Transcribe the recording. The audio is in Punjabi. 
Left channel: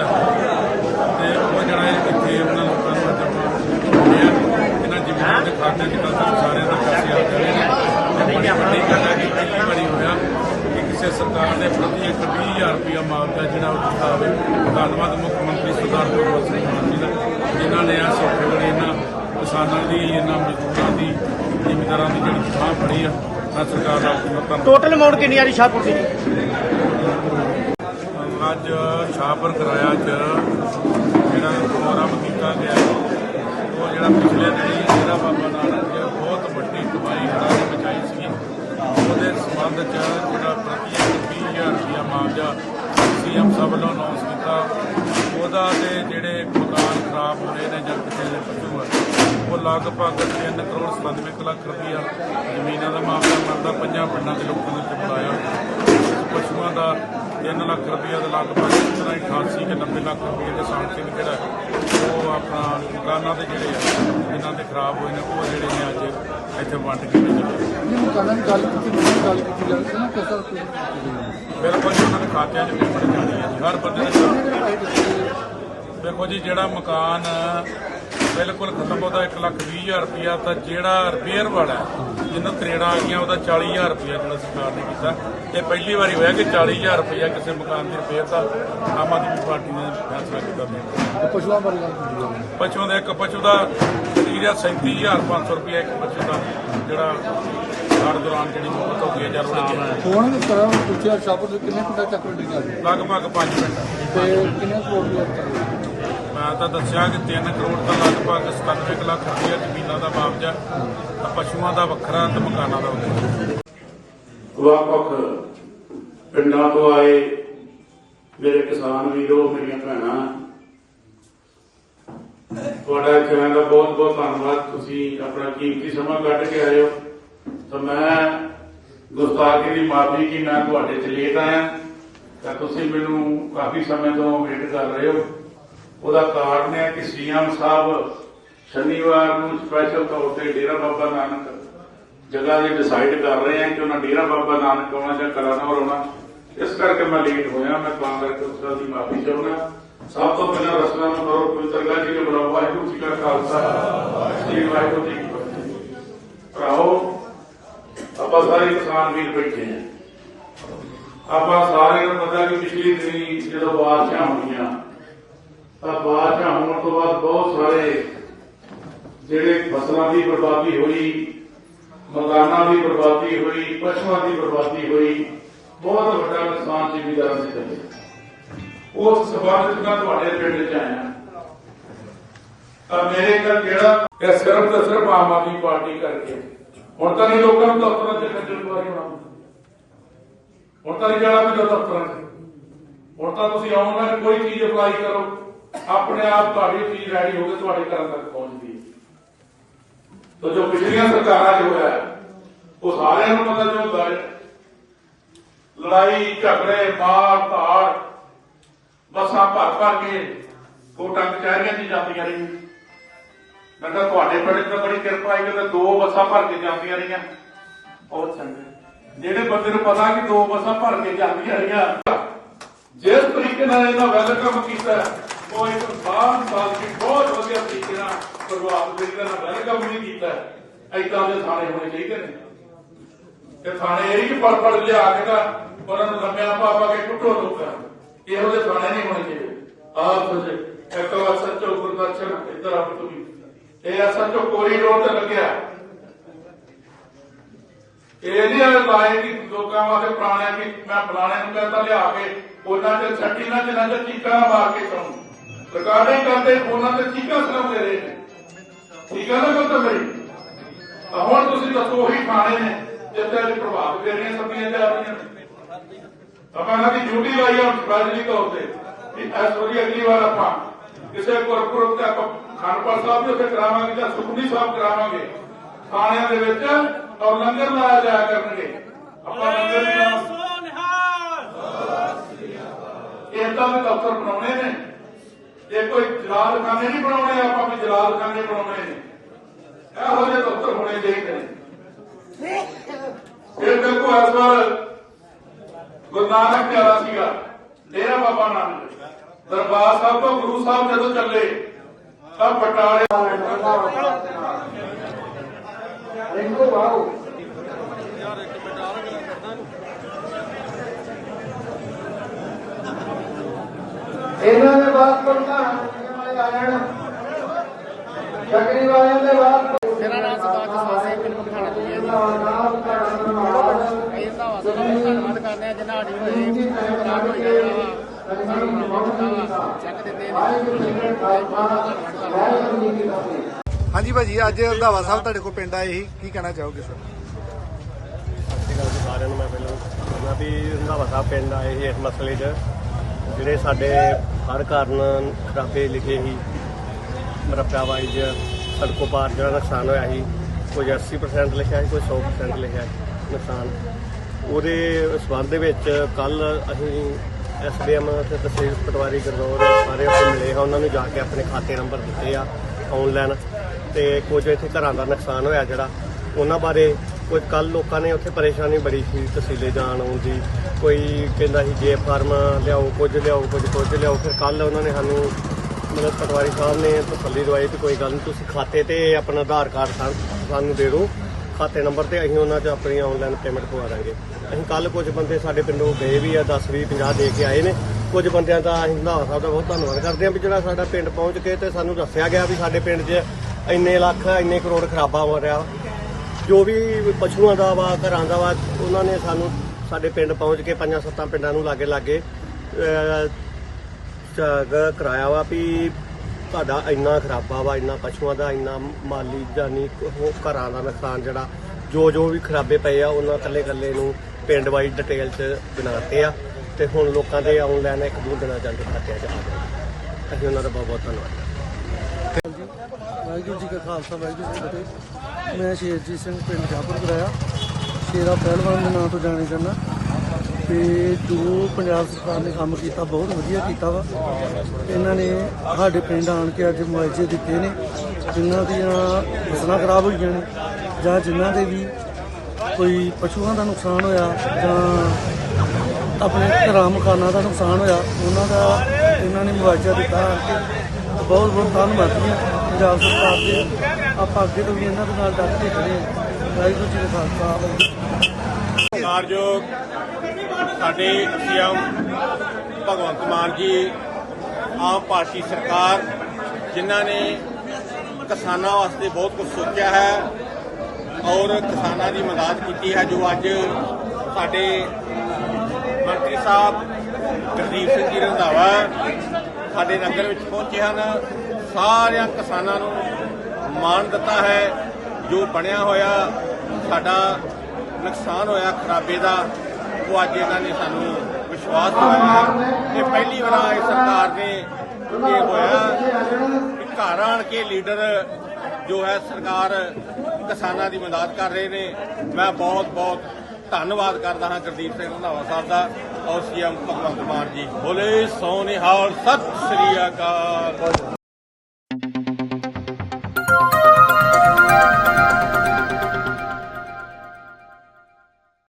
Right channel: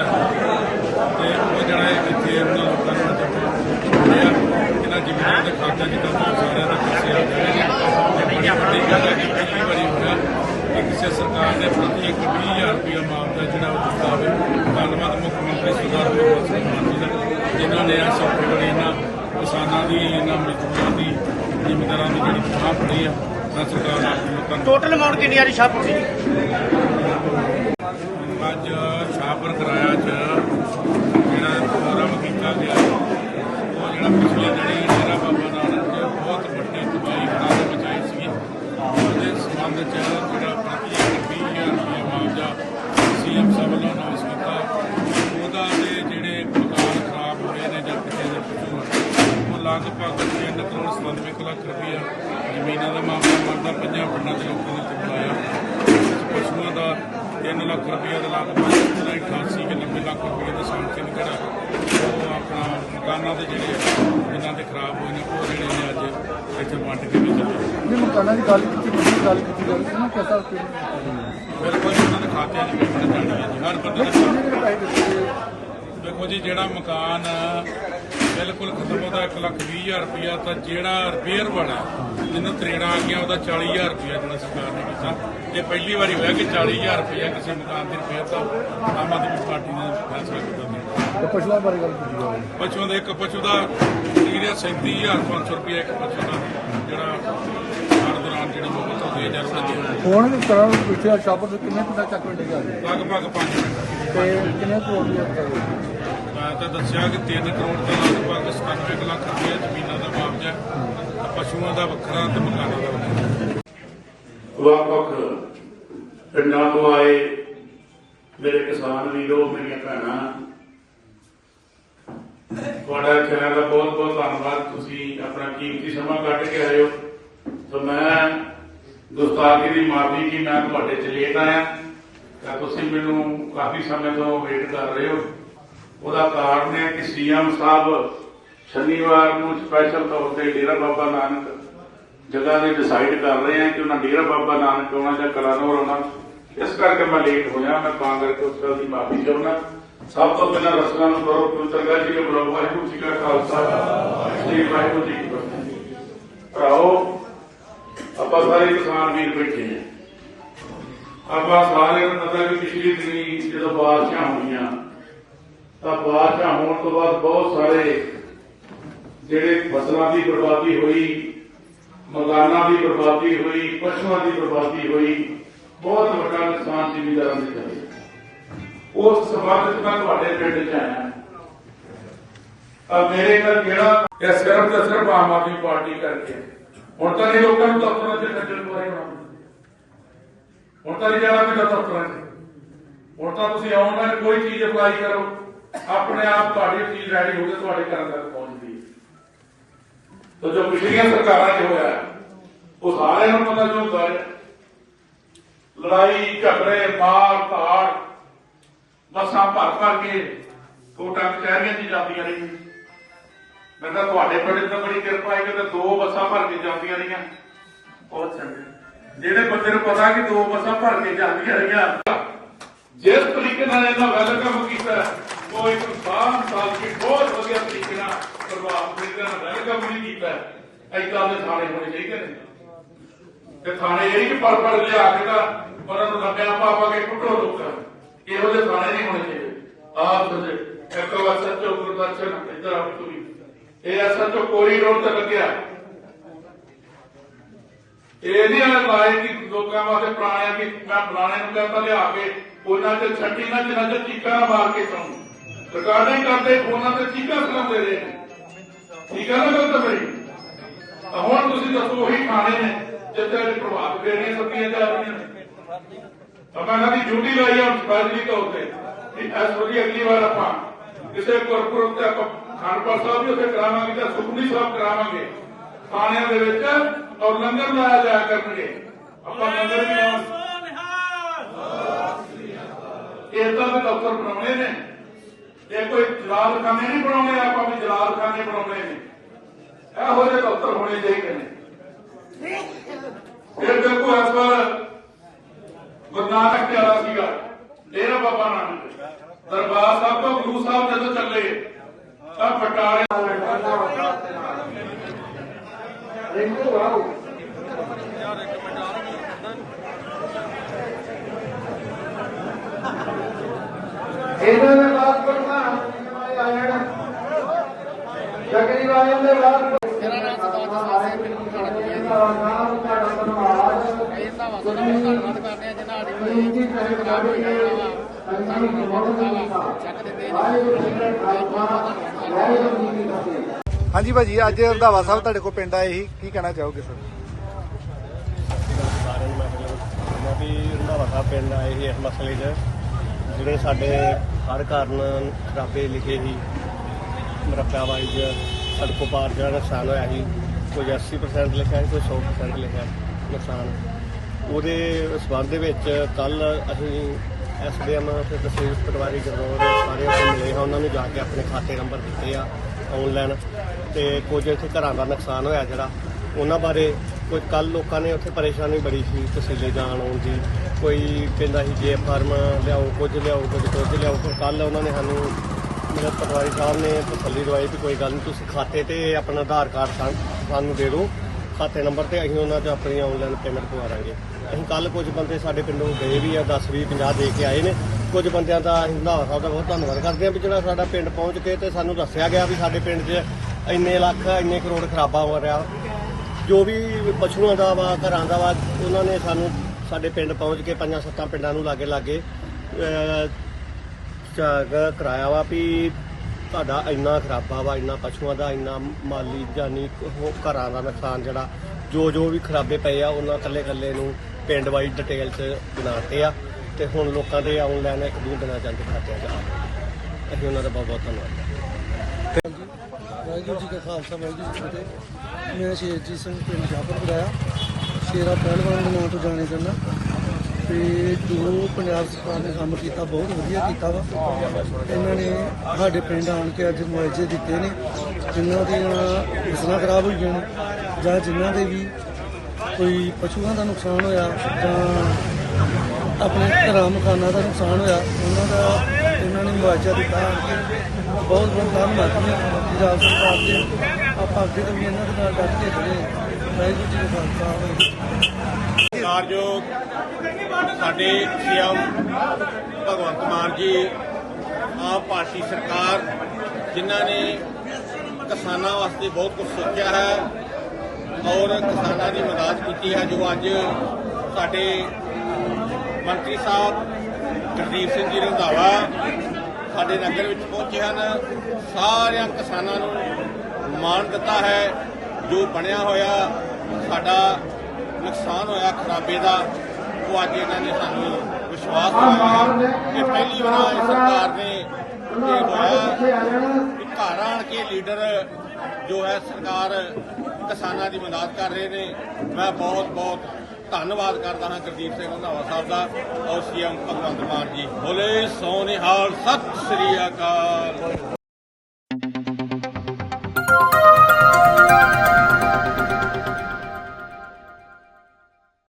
ਹੈ। ਤੇ ਉਹ ਜਿਹੜਾ ਇੱਥੇ ਇਹਨਾਂ ਲੋਕਾਂ ਨੂੰ ਅੱਜ ਆਪਾਂ ਮਿਲਿਆ ਇਹਨਾਂ ਜ਼ਮੀਨਾਂ ਦੇ ਖਾਤੇ 'ਚ ਕੱਲ੍ਹ ਨੂੰ ਸਾਰਿਆਂ ਦੇ ਪੈਸੇ ਆ ਜਾਣੇ ਨੇ। ਤੇ ਬੜੀ ਵੱਡੀ ਗੱਲ ਹੈ ਕਿ ਪਹਿਲੀ ਵਾਰੀ ਹੋਇਆ ਕਿ ਕਿਸੇ ਸਰਕਾਰ ਨੇ ਪ੍ਰਤੀ ਇੱਕ 20000 ਰੁਪਇਆ ਮੁਆਵਜ਼ਾ ਜਿਹੜਾ ਉਹ ਦਿੱਤਾ ਹੋਵੇ। ਧੰਨਵਾਦ ਮੁੱਖ ਮੰਤਰੀ ਸਰਦਾਰ ਭਗਵੰਤ ਸਿੰਘ ਮਾਨ ਜੀ ਦਾ, ਜਿਨ੍ਹਾਂ ਨੇ ਇਸ ਔਖੇ ਇਹਨਾਂ ਕਿਸਾਨਾਂ ਦੀ, ਇਹਨਾਂ ਮਜ਼ਦੂਰਾਂ ਦੀ, ਜ਼ਿਮੀਂਦਾਰਾਂ ਦੀ ਜਿਹੜੀ ਸਾਹ ਫੜੀ ਆ ਸਰਕਾਰ ਦਾ ਟੋਟਲ ਅਮਾਉਂਟ ਕਿੰਨੀ ਆ ਜੀ ਸਾਹਿਬ ਤੁਸੀਂ ਅੱਜ ਸ਼ਾਹਪੁਰ ਕਰਾਇਆ 'ਚ ਜਿਹੜਾ ਪ੍ਰੋਗਰਾਮ ਕੀਤਾ ਗਿਆ। ਉਹ ਜਿਹੜਾ ਪਿਛਲੇ ਦਿਨੀ ਡੇਰਾ ਬਾਬਾ ਨਾਨਕ 'ਚ ਬਹੁਤ ਵੱਡੀ ਤਬਾਹੀ ਖੜਾ ਦੇ ਵਿੱਚ ਆਈ ਸੀ ਉਹਦੇ ਸੰਬੰਧ 'ਚ ਜਿਹੜਾ ਪ੍ਰਤੀ ਏਕੜ 20000 ਰੁਪਇਆ ਮੁਆਵਜ਼ਾ ਸੀਐਮ ਸਾਹਿਬ ਵੱਲੋਂ ਅਨਾਉਂਸ ਕੀਤਾ। ਉਹਦਾ ਤੇ ਜਿਹੜੇ ਮਕਾਨ ਖਰਾਬ ਹੋ ਰਹੇ ਨੇ ਜਾਂ ਕਿਸੇ ਦੇ ਪਸ਼ੂ ਆ ਉਹ ਲਗਭਗ 3 ਕਰੋੜ 97 ਲੱਖ ਰੁਪਇਆ ਜ਼ਮੀਨਾਂ ਦਾ ਮਾਮਲਾ ਬਣਦਾ। ਪੰਜਾਂ ਪਿੰਡਾਂ ਦੇ ਲੋਕਾਂ ਨੇ ਇੱਥੇ ਬੁਲਾਇਆ। ਪਸ਼ੂਆਂ ਦਾ 3 ਲੱਖ ਰੁਪਇਆ ਦੇ ਲਗਭਗ ਇਸ ਤਰ੍ਹਾਂ 88 ਕਿ 90 ਲੱਖ ਰੁਪਏ ਦੇ ਸਾਂਭੇ ਜਿਹੜਾ ਉਹ ਆਪਣਾ ਮਕਾਨਾਂ ਦੇ ਜਿਹੜੇ ਆ ਜਿਨ੍ਹਾਂ ਦੇ ਖਰਾਬ ਹੋਏ ਨੇ ਉਹ ਜਿਹੜੇ ਨੇ ਅੱਜ ਇੱਥੇ ਵੰਡ ਕੇ ਵਿੱਚ ਜੇ ਮਕਾਨਾਂ ਦੀ ਗੱਲ ਕੀਤੀ ਗੱਲ ਜਾਵੇ ਤਾਂ ਬਿਲਕੁਲ ਜੀ ਉਹਨਾਂ ਦੇ ਖਾਤਿਆਂ 'ਚ ਪੇਮੈਂਟ ਜਾਣੀ ਹੈ ਜੀ ਹਰ ਬੰਦੇ ਦੇ ਦੇਖੋ ਜੀ ਜਿਹੜਾ ਮਕਾਨ ਬਿਲਕੁਲ ਖਤਮ ਉਹਦਾ 1 ਲੱਖ 20 ਹਜ਼ਾਰ ਰੁਪਇਆ ਤਾਂ ਜਿਹੜਾ ਰਿਪੇਅਰ ਵਾਲਾ ਜਿਹਨਾਂ ਤਰੇੜਾਂ ਆ ਗਈਆਂ ਉਹਦਾ 40 ਹਜ਼ਾਰ ਰੁਪਇਆ ਜਿਹੜਾ ਸਰਕਾਰ ਨੇ ਕੀਤਾ। ਇਹ ਪਹਿਲੀ ਵਾਰੀ ਹੋਇਆ ਕਿ 40 ਹਜ਼ਾਰ ਰੁਪਇਆ ਕਿਸੇ ਮਕਾਨ ਦੀ ਰਿਪੇਅਰ ਦਾ ਆਮ ਆਦਮੀ ਪਾਰਟੀ ਨੇ ਫੈਸਲਾ ਕੀਤਾ ਤੇ ਪਛਲਾ ਬਾਰੇ ਗੱਲ ਕੀਤੀ ਪਸ਼ੂ ਦਾ ਇੱਕ ਪਸ਼ੂ ਦਾ ਏਰੀਆ 37500 ਰੁਪਇਆ ਇੱਕ ਪਸ਼ੂ ਦਾ ਜਿਹੜਾ ਸਾੜ ਦੌਰਾਨ ਜਿਹੜੀ ਮੌਤ ਹੋ ਗਈ ਹੈ ਜਾਂ ਰੋੜੇ ਦੀ। ਫੋਨ ਵੀ ਕਰਾਂ ਪੁੱਛਿਆ ਸ਼ਾਪ ਦੇ ਕਿੰਨੇ ਕੁ ਦਾ ਚੱਕਰ ਡਿੱਗਾ ਸੀ ਲਗਭਗ 5 ਮਿੰਟ। ਤੇ ਕਿੰਨੇ ਕੁ ਹੋ ਗਿਆ ਤਾਂ ਦੱਸਿਆ ਕਿ 3 ਕਰੋੜ ਤੋਂ ਲਗਭਗ 97 ਲੱਖ ਰੁਪਇਆ ਜ਼ਮੀਨਾਂ ਦਾ ਮੁਆਵਜ਼ਾ ਪਸ਼ੂਆਂ ਦਾ ਵੱਖਰਾ ਤੇ ਮਕਾਨਾਂ ਦਾ ਵੱਖਰਾ। ਵੱਖ-ਵੱਖ ਪਿੰਡਾਂ ਤੋਂ ਆਏ ਮੇਰੇ ਕਿਸਾਨ ਵੀਰੋ, ਮੇਰੀਆਂ ਭੈਣਾਂ। ਤੁਹਾਡਾ ਚੈਨਲ ਦਾ ਬਹੁਤ ਬਹੁਤ ਧੰਨਵਾਦ। ਤੁਸੀਂ ਆਪਣਾ ਕੀਮਤੀ ਸਮਾਂ ਕੱਢ ਕੇ ਆਏ ਹੋ ਤਾਂ ਮੈਂ ਗੁਸਤਾਖੀ ਦੀ ਮਾਫੀ ਕਿ ਮੈਂ ਤੁਹਾਡੇ ਚ ਲੇਟ ਆਇਆ। ਤਾਂ ਤੁਸੀਂ ਮੈਨੂੰ ਕਾਫੀ ਸਮੇਂ ਤੋਂ ਵੇਟ ਕਰ ਰਹੇ ਹੋ। ਉਹਦਾ ਕਾਰਨ ਹੈ ਕਿ ਸੀਐਮ ਸਾਹਿਬ ਸ਼ਨੀਵਾਰ ਨੂੰ ਸਪੈਸ਼ਲ ਤੌਰ ਤੇ ਡੇਰਾ ਬਾਬਾ ਨਾਨਕ ਜਗ੍ਹਾ ਦੇ ਡਿਸਾਈਡ ਕਰ ਰਹੇ ਆ ਕਿ ਉਹਨਾਂ ਡੇਰਾ ਬਾਬਾ ਨਾਨਕ ਆਉਣਾ ਜਾਂ ਕਲਾਨੌਰ ਆਉਣਾ। ਇਸ ਕਰਕੇ ਮੈਂ ਲੇਟ ਹੋਇਆ, ਮੈਂ ਤਾਂ ਕਰਕੇ ਉਸ ਗੱਲ ਦੀ ਮਾਫੀ ਚਾਹੁੰਦਾ। ਸਭ ਤੋਂ ਪਹਿਲਾਂ ਰਸਨਾ ਨੂੰ ਕਰੋ, ਪਵਿੱਤਰ ਗੱਲ ਜੀ ਦੇ ਬੁਲਾਓ। ਵਾਹਿਗੁਰੂ ਜੀ ਕਾ ਖਾਲਸਾ। ਸ੍ਰੀ ਵਾਹਿਗੁਰੂ ਜੀ ਕੀ ਫਤਿਹ। ਭਰਾਓ, ਆਪਾਂ ਸਾਰੇ ਕਿਸਾਨ ਵੀਰ ਬੈਠੇ ਨੇ ਆਪਾਂ ਸਾਰਿਆਂ ਨੂੰ ਪਤਾ ਕਿ ਪਿਛਲੀ ਦਿਨੀ ਜਦੋਂ ਬਾਰਿਸ਼ਾਂ ਹੋਈਆਂ ਤਾਂ ਬਾਰਿਸ਼ਾਂ ਹੋਣ ਤੋਂ ਬਾਅਦ ਬਹੁਤ ਸਾਰੇ ਜਿਹੜੇ ਫਸਲਾਂ ਦੀ ਬਰਬਾਦੀ ਹੋਈ ਮਕਾਨਾਂ ਦੀ ਬਰਬਾਦੀ ਹੋਈ, ਪਸ਼ੂਆਂ ਦੀ ਬਰਬਾਦੀ ਹੋਈ, ਬਹੁਤ ਵੱਡਾ ਨੁਕਸਾਨ ਜ਼ਿਮੀਂਦਾਰਾਂ ਦੇ ਹੋਇਆ ਉਸ ਸਬੰਧ ਵਿੱਚ ਮੈਂ ਤੁਹਾਡੇ ਪਿੰਡ ਚ ਆਇਆ। ਆ ਮੇਰੇ ਕੋਲ ਜਿਹੜਾ ਇਹ ਸਿਰਫ ਤੇ ਸਿਰਫ ਆਮ ਆਦਮੀ ਪਾਰਟੀ ਕਰਕੇ, ਹੁਣ ਤਾਂ ਨਹੀਂ ਲੋਕਾਂ ਨੂੰ ਦਫ਼ਤਰਾਂ 'ਚ ਖੱਜਲ ਖੁਆਰੀ ਹੋਣਾ ਹੁਣ ਤਾਂ ਨਹੀਂ ਜਾਣਾ ਵੀ ਦਫ਼ਤਰਾਂ 'ਚ, ਹੁਣ ਤਾਂ ਤੁਸੀਂ ਆਨਲਾਈਨ ਕੋਈ ਚੀਜ਼ ਅਪਲਾਈ ਕਰੋ। ਆਪਣੇ ਆਪ ਤੁਹਾਡੀ ਚੀਜ਼ ਰੈਡੀ ਹੋ ਕੇ ਤੁਹਾਡੇ ਘਰਾਂ ਤੱਕ ਪਹੁੰਚਦੀ ਹੈ। ਤਾਂ ਜੋ ਪਿਛਲੀਆਂ ਸਰਕਾਰਾਂ 'ਚ ਹੋਇਆ ਉਹ ਸਾਰਿਆਂ ਨੂੰ ਪਤਾ ਜੋ ਹੁੰਦਾ ਹੈ। ਲੜਾਈ ਝਗੜੇ ਮਾਰ ਧਾੜ ਬਸਾਂ ਭਰ ਭਰ ਕੇ ਕੋਟਾਂ ਕਚਹਿਰੀਆਂ 'ਚ ਜਾਂਦੀਆਂ ਰਹੀਆਂ। ਮੈਂ ਤਾਂ ਤੁਹਾਡੇ 'ਚ ਤਾਂ ਬੜੀ ਕਿਰਪਾ ਹੈ ਕਿ ਮੈਂ ਦੋ ਬੱਸਾਂ ਭਰ ਕੇ ਜਾਂਦੀਆਂ ਰਹੀਆਂ। ਬਹੁਤ ਚੰਗੇ। ਜਿਹੜੇ ਬੰਦੇ ਨੂੰ ਪਤਾ ਕਿ ਦੋ ਬੱਸਾਂ ਭਰ ਕੇ ਜਾਂਦੀਆਂ ਰਹੀਆਂ ਜਿਸ ਤਰੀਕੇ ਨਾਲ ਇਹਨਾਂ ਵੈਲਕਮ ਕੀਤਾ ਉਹ ਇੱਕ ਸਾਲ ਬਹੁਤ ਵਧੀਆ ਤਰੀਕੇ ਨਾਲ ਪ੍ਰਭਾਵ ਤਰੀਕੇ ਨਾਲ ਵੈਲਕਮ ਨਹੀਂ ਕੀਤਾ ਐਦਾਂ ਦੇ ਥਾਣੇ ਹੋਣੇ ਚਾਹੀਦੇ ਨੇ। ਤੇ ਥਾਣੇ ਇਹ ਕਿ ਪੜ ਪੜ ਲਿਆ ਕੇ ਤਾਂ ਉਹਨਾਂ ਨੂੰ ਲੰਮਿਆਂ ਪਾ ਪਾ ਕੇ ਕੁੱਟੋ ਲੋਕਾਂ ਇਹੋ ਜਿਹੇ ਥਾਣੇ ਨਹੀਂ ਹੋਣੇ ਚਾਹੀਦੇ। ਆਪ ਸੱਚੇ ਇੱਕ ਸੱਚੋ ਗੁਰਦਰਸ਼ਨ ਇੱਧਰ ਆਪ ਤੁਸੀਂ। ਇਹ ਸੱਚੋ ਕੋਈ ਰੋਡ ਤੇ ਲੱਗਿਆ। ਇਹ ਨਹੀਂ ਆ ਲਾਏ ਕਿ ਲੋਕਾਂ ਵਾਸਤੇ ਪੁਰਾਣਾ ਕਿ ਮੈਂ ਪੁਰਾਣੇ ਨੂੰ ਕਹਿੰਦਾ ਲਿਆ ਕੇ ਉਹਨਾਂ ਤੇ ਛੱਟੀ ਨਾ ਜਿੰਨਾ ਤੇ ਚੀਕਾਂ ਮਾਰ ਕੇ ਸੁਣ ਰਿਕਾਰਡਿੰਗ ਕਰਦੇ ਫੋਨਾਂ ਤੇ ਚੀਕਾਂ ਸੁਣਾਉਂਦੇ ਰਹੇ ਨੇ। ਠੀਕ ਹੈ ਨਾ ਗੱਲ ਬਈ? ਤਾਂ ਹੁਣ ਤੁਸੀਂ ਦੱਸੋ, ਉਹੀ ਖਾਣੇ ਨੇ ਜਿੱਥੇ ਇਹ ਪ੍ਰਭਾਵ ਦੇ ਰਹੇ ਸਭੀਆਂ ਤੇ ਆਪਣੀਆਂ ਤਾਂ ਮੈਂ ਇਹਨਾਂ ਦੀ ਡਿਊਟੀ ਲਾਈ ਆ ਸਪੈਸ਼ਲੀ ਤੌਰ ਤੇ ਕਿ ਇਸ ਵਾਰੀ ਅਗਲੀ ਵਾਰ ਆਪਾਂ ਕਿਸੇ ਗੁਰਪੁਰਬ ਤੇ ਆਪਾਂ ਖਾਨਪਾਲ ਸਾਹਿਬ ਵੀ ਉੱਥੇ ਕਰਾਵਾਂਗੇ ਜਾਂ ਸੁਖਨੀ ਸਾਹਿਬ ਕਰਾਵਾਂਗੇ। ਖਾਣਿਆਂ ਦੇ ਵਿੱਚ ਔਰ ਲੰਗਰ ਲਾਇਆ ਜਾਇਆ ਕਰਨਗੇ। ਆਪਾਂ ਲੰਗਰ ਵੀ ਲਾਵਾਂਗੇ। ਇਦਾਂ ਦੇ ਦਫ਼ਤਰ ਬਣਾਉਣੇ ਨੇ। ਇਹ ਕੋਈ ਜਲਾਲ ਖਾਨੇ ਨਹੀਂ ਬਣਾਉਣੇ ਆਪਾਂ ਵੀ ਜਲਾਲ ਬਣਾਉਣੇ ਨੇ ਇਹੋ ਜਿਹੇ ਦਫ਼ਤਰ ਹੋਣੇ ਚਾਹੀਦੇ ਨੇ। ਇਹ ਬਿਲਕੁਲ ਇਸ ਵਾਰ ਗੁਰੂ ਨਾਨਕ ਪਿਆਰਾ ਸੀਗਾ, ਡੇਰਾ ਬਾਬਾ ਨਾਨਕ ਦਰਬਾਰ ਸਾਹਿਬ ਤੋਂ ਗੁਰੂ ਸਾਹਿਬ ਜਦੋਂ ਚੱਲੇ, ਤਾਂ ਪਟਾਲੇ ਰਿੰਗੋ ਵਾਓ ਯਾਰ ਇੱਕ ਮਿੰਟ ਆ ਰਿਹਾ ਕਰਦਾ ਇਹਨਾਂ ਦੇ ਬਾਅਦ ਚੱਕਰੀ ਵਾਲਿਆਂ ਦੇ ਬਾਅਦ ਮੇਰਾ ਨਾਮ ਸਰਦਾਰ ਜਸਵੰਤ ਸਿੰਘ ਪਿੰਡ ਪਠਾਣਾ ਜੀ ਹੈ ਜੀ। ਨਾਮ ਤੁਹਾਡਾ ਧੰਨਵਾਦ। ਇਹ ਤਾਂ ਵਾਸਤੇ ਧੰਨਵਾਦ ਕਰਦੇ ਆ ਜਿਨ੍ਹਾਂ ਸਾਡੀ ਹੋਈ ਖਰਾਬ ਹੋਈ ਆ ਜਿਹੜਾ ਵਾ ਸਾਨੂੰ ਬਹੁਤ ਦਿੱਤਾ ਵਾ ਚੈੱਕ ਦਿੱਤੇ ਨੇ ਬਹੁਤ ਬਹੁਤ ਧੰਨਵਾਦ। ਕਰਦੇ ਆ। ਹਾਂਜੀ ਭਾਜੀ ਅੱਜ ਰੰਧਾਵਾ ਸਾਹਿਬ ਤੁਹਾਡੇ ਕੋਲ ਪਿੰਡ ਆਏ ਸੀ। ਕੀ ਕਹਿਣਾ ਚਾਹੋਗੇ ਸਰ? ਸਾਰਿਆਂ ਨੂੰ। ਮੈਂ ਪਹਿਲਾਂ ਵੀ ਰੰਧਾਵਾ ਸਾਹਿਬ ਪਿੰਡ ਆਏ ਸੀ ਇਸ ਮਸਲੇ 'ਚ। ਜਿਹੜੇ ਸਾਡੇ ਹਰ ਕਾਰਨ ਖਰਾਬੇ ਲਿਖੇ ਸੀ। ਮਰੱਬਾ ਵਾਈਜ਼ ਸੜਕੋਂ ਪਾਰ ਜਿਹੜਾ ਨੁਕਸਾਨ ਹੋਇਆ ਸੀ ਕੁਝ 80% ਲਿਖਿਆ ਸੀ, ਕੋਈ 100% ਲਿਖਿਆ ਸੀ ਨੁਕਸਾਨ। ਉਹਦੇ ਸਬੰਧ ਦੇ ਵਿੱਚ ਕੱਲ ਅਸੀਂ ਐਸਡੀਐਮ ਤੇ ਤਹਿਸੀਲ ਪਟਵਾਰੀ ਗਰਦੌਰ ਸਾਰੇ ਉੱਥੇ ਮਿਲੇ ਹਾਂ। ਉਹਨਾਂ ਨੂੰ ਜਾ ਕੇ ਆਪਣੇ ਖਾਤੇ ਨੰਬਰ ਦਿੱਤੇ ਆ ਆਨਲਾਈਨ ਤੇ ਕੁਝ ਇੱਥੇ ਘਰਾਂ ਦਾ ਨੁਕਸਾਨ ਹੋਇਆ ਜਿਹੜਾ, ਉਹਨਾਂ ਬਾਰੇ ਕੋਈ ਕੱਲ ਲੋਕਾਂ ਨੇ ਉੱਥੇ ਪਰੇਸ਼ਾਨੀ ਬੜੀ ਸੀ, ਤਹਿਸੀਲੇ ਜਾਣ ਆਉਣ ਦੀ। ਕੋਈ ਕਹਿੰਦਾ ਸੀ ਜੇ ਫਾਰਮ ਲਿਆਓ, ਕੁਝ ਲਿਆਓ, ਕੁਝ ਕੁਝ ਲਿਆਓ। ਫਿਰ ਕੱਲ ਉਹਨਾਂ ਨੇ ਸਾਨੂੰ ਮਤਲਬ ਪਟਵਾਰੀ ਸਾਹਿਬ ਨੇ ਤਸੱਲੀ ਦਵਾਈ ਕਿ ਕੋਈ ਗੱਲ ਨਹੀਂ ਤੁਸੀਂ ਖਾਤੇ ਤੇ ਆਪਣਾ ਆਧਾਰ ਕਾਰਡ ਸਾਨ- ਸਾਨੂੰ ਦੇ ਦਿਓ। ਖਾਤੇ ਨੰਬਰ ਤੇ ਅਸੀਂ ਉਹਨਾਂ 'ਚ ਆਪਣੀ ਆਨਲਾਈਨ ਪੇਮੈਂਟ ਕਰਵਾ ਦਾਂਗੇ। ਅਸੀਂ ਕੱਲ ਕੁਝ ਬੰਦੇ ਸਾਡੇ ਪਿੰਡੋਂ ਗਏ ਵੀ ਆ 10 20 50 ਦੇ ਕੇ ਆਏ ਨੇ। ਕੁਝ ਬੰਦਿਆਂ ਦਾ ਅਸੀਂ ਰੰਧਾਵਾ ਸਾਹਿਬ ਦਾ ਬਹੁਤ ਧੰਨਵਾਦ ਕਰਦੇ ਹਾਂ ਵੀ ਜਿਹੜਾ ਸਾਡਾ ਪਿੰਡ ਪਹੁੰਚ ਕੇ ਤੇ ਸਾਨੂੰ ਦੱਸਿਆ ਗਿਆ ਵੀ ਸਾਡੇ ਪਿੰਡ 'ਚ ਇੰਨੇ ਲੱਖ, ਇੰਨੇ ਕਰੋੜ ਖਰਾਬਾ ਹੋ ਰਿਹਾ। ਜੋ ਵੀ ਪਸ਼ੂਆਂ ਦਾ ਵਾ, ਘਰਾਂ ਦਾ ਵਾ, ਉਹਨਾਂ ਨੇ ਸਾਨੂੰ ਸਾਡੇ ਪਿੰਡ ਪਹੁੰਚ ਕੇ ਪੰਜਾਂ ਸੱਤਾਂ ਪਿੰਡਾਂ ਨੂੰ ਲਾਗੇ ਲਾਗੇ ਅਹ, ਕਰਾਇਆ ਵਾ ਵੀ ਤੁਹਾਡਾ ਇੰਨਾ ਖਰਾਬਾ ਵਾ ਇੰਨਾ ਪਸ਼ੂਆਂ ਦਾ ਇੰਨਾ ਮਾਲੀ ਜਾਨੀ ਉਹ ਘਰਾਂ ਦਾ ਨੁਕਸਾਨ ਜਿਹੜਾ ਜੋ ਜੋ ਵੀ ਖਰਾਬੇ ਪਏ ਆ ਉਹਨਾਂ ਕੱਲੇ ਕੱਲੇ ਨੂੰ ਪਿੰਡ ਵਾਈਜ਼ ਡਿਟੇਲ ਚ ਗਿਣਾਤੇ ਆ ਤੇ ਹੁਣ ਲੋਕਾਂ ਦੇ ਆਨਲਾਈਨ ਇੱਕ ਦੋ ਦਿਨਾਂ ਜਾਂਦੇ ਖਾਤਿਆਂ 'ਚ ਆ ਗਏ। ਅਸੀਂ ਉਹਨਾਂ ਦਾ ਬਹੁਤ ਬਹੁਤ ਧੰਨਵਾਦ ਵਾਹਿਗੁਰੂ ਜੀ ਕਾ ਖਾਲਸਾ ਵਾਹਿਗੁਰੂ ਜੀ ਕੀ ਫਤਿਹ। ਮੈਂ ਸ਼ੇਰਜੀਤ ਸਿੰਘ ਪਿੰਡ ਜਾਪਰ ਕਰਾਇਆ ਸ਼ੇਰਾ ਪਹਿਲਵਾਨ ਦੇ ਨਾਂ ਤੋਂ ਜਾਣੇ ਜਾਂਦਾ ਤੇ ਜੋ ਪੰਜਾਬ ਸਰਕਾਰ ਨੇ ਕੰਮ ਕੀਤਾ, ਬਹੁਤ ਵਧੀਆ ਕੀਤਾ ਵਾ। ਇਹਨਾਂ ਨੇ ਸਾਡੇ ਪਿੰਡ ਆਣ ਕੇ ਅੱਜ ਮੁਆਵਜ਼ੇ ਦਿੱਤੇ ਨੇ। ਜਿਨ੍ਹਾਂ ਦੀਆਂ ਫਸਲਾਂ ਖਰਾਬ ਹੋਈਆਂ ਨੇ ਜਾਂ ਜਿਨ੍ਹਾਂ ਦੇ ਵੀ ਕੋਈ ਪਸ਼ੂਆਂ ਦਾ ਨੁਕਸਾਨ ਹੋਇਆ ਜਾਂ ਆਪਣੇ ਘਰਾਂ, ਮਕਾਨਾਂ ਦਾ ਨੁਕਸਾਨ ਹੋਇਆ, ਉਹਨਾਂ ਦਾ ਇਹਨਾਂ ਨੇ ਮੁਆਵਜ਼ਾ ਦਿੱਤਾ ਆਣ ਕੇ। ਬਹੁਤ ਬਹੁਤ ਧੰਨਵਾਦੀ ਹਾਂ ਪੰਜਾਬ ਸਰਕਾਰ ਦੇ ਆਪਾਂ ਅੱਗੇ ਤੋਂ ਵੀ ਇਹਨਾਂ ਦੇ ਨਾਲ ਡਟ ਕੇ ਖੜੇ ਹਾਂ। ਵਾਹਿਗੁਰੂ ਜੀ ਕਾ ਖਾਲਸਾ, ਵਾਹਿਗੁਰੂ ਸਤਿਕਾਰਯੋਗ ਸਾਡੇ ਸੀਐਮ ਭਗਵੰਤ ਮਾਨ ਜੀ, ਆਮ ਪਾਰਟੀ ਸਰਕਾਰ, ਜਿਨ੍ਹਾਂ ਨੇ ਕਿਸਾਨਾਂ ਵਾਸਤੇ ਬਹੁਤ ਕੁਝ ਸੋਚਿਆ ਹੈ ਔਰ ਕਿਸਾਨਾਂ ਦੀ ਮਦਦ ਕੀਤੀ ਹੈ, ਜੋ ਅੱਜ ਸਾਡੇ ਮੰਤਰੀ ਸਾਹਿਬ ਗੁਰਦੀਪ ਸਿੰਘ ਜੀ ਰੰਧਾਵਾ ਸਾਡੇ ਨਗਰ ਵਿੱਚ ਪਹੁੰਚੇ ਹਨ। ਸਾਰਿਆਂ ਕਿਸਾਨਾਂ ਨੂੰ ਮਾਣ ਦਿੱਤਾ ਹੈ। ਜੋ ਬਣਿਆ ਹੋਇਆ ਸਾਡਾ ਨੁਕਸਾਨ ਹੋਇਆ, ਖਰਾਬੇ ਦਾ। ਉਹ ਅੱਜ ਇਹਨਾਂ ਨੇ ਸਾਨੂੰ ਵਿਸ਼ਵਾਸ ਦਿਵਾਇਆ ਹੈ ਪਹਿਲੀ ਵਾਰ ਇਹ ਸਰਕਾਰ ਨੇ ਇਹ ਹੋਇਆ ਕਿ ਘਰ ਆਣ ਕੇ ਲੀਡਰ ਜੋ ਹੈ ਸਰਕਾਰ ਕਿਸਾਨਾਂ ਦੀ ਮਦਦ ਕਰ ਰਹੇ ਨੇ। ਮੈਂ ਬਹੁਤ ਬਹੁਤ ਧੰਨਵਾਦ ਕਰਦਾ ਹਾਂ ਗੁਰਦੀਪ ਸਿੰਘ ਰੰਧਾਵਾ ਸਾਹਿਬ ਦਾ ਔਰ ਸੀਐਮ ਭਗਵੰਤ ਮਾਨ ਜੀ। ਬੋਲੇ ਸੋਨਿਹਾਲ, ਸਤਿ ਸ੍ਰੀ ਅਕਾਲ।